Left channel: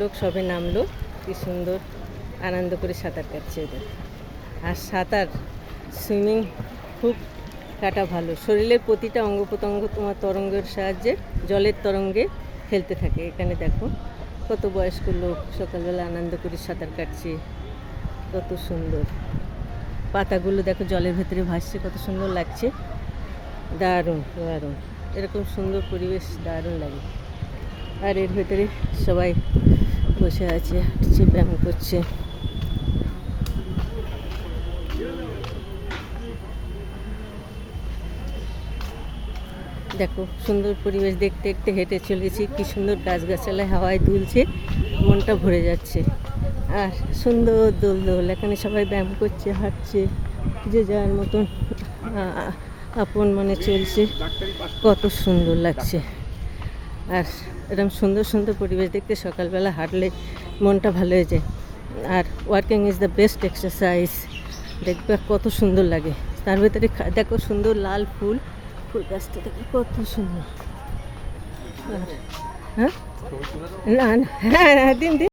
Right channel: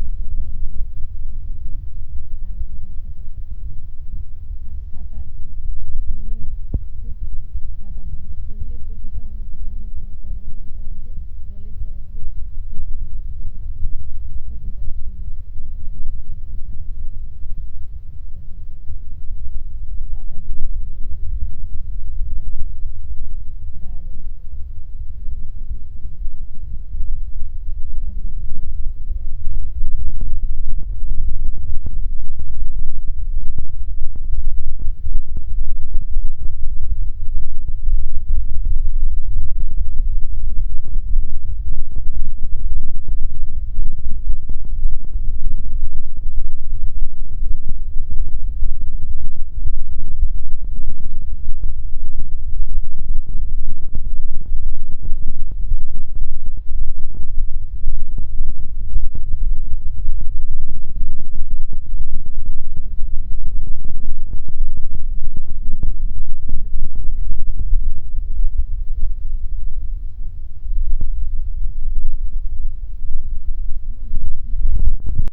লোক সবে নামলো, কি সুন্দর আনন্দ করে সাঁতার কাটছে এদের। আর সাঁতার সুইমিং খুব কাটা ভালো, শরীরের প্রতিটা অঙ্গ প্রত্যঙ্গ তোমার তরঙ্গের সাহায্যে জলের তরঙ্গে খেলতে থাকে। এখানে দেখো কত বয়স্ক লোক সকালবেলা আনন্দ করে সাঁতার কাটছে, কত সুন্দর। পাতাগুলো দেখো জলের ভেতরে ভাসছে, কত সুন্দর লাগছে। দারুণ দারুণ, এরকম সুন্দর পরিবেশ দারুণ লাগে। আর এর ভেতরে সবাই বসে আছে, হাঁটছে, ব্যায়াম করছে। দেখো সুন্দর পরিবেশ, দেখতে দেখতে হেঁটে চলেছি, কি সুন্দর গাছগাছালায় হাওয়ায় দুলছে, মনটা ভরে যাচ্ছে। আর সুন্দর দোল দোল, এখানে সবাই ব্যায়াম করছে, হাঁটছে, যে যার মতন আপন মনে চলছে, কত সুন্দর লাগছে। আর এরকম সুন্দর সুন্দর পরিবেশ দেখতে সকালবেলা হাঁটলে মনটা ভালো হয়ে যায়। Are working is the best exercise. দেখবে কত সুন্দর লাগে। তার ভেতরে দেখো সুন্দর লাল ফুল, ফুল গাছটা দেখো কত সুন্দর। হ্যাঁ না, হ্যাঁ দিন দিন।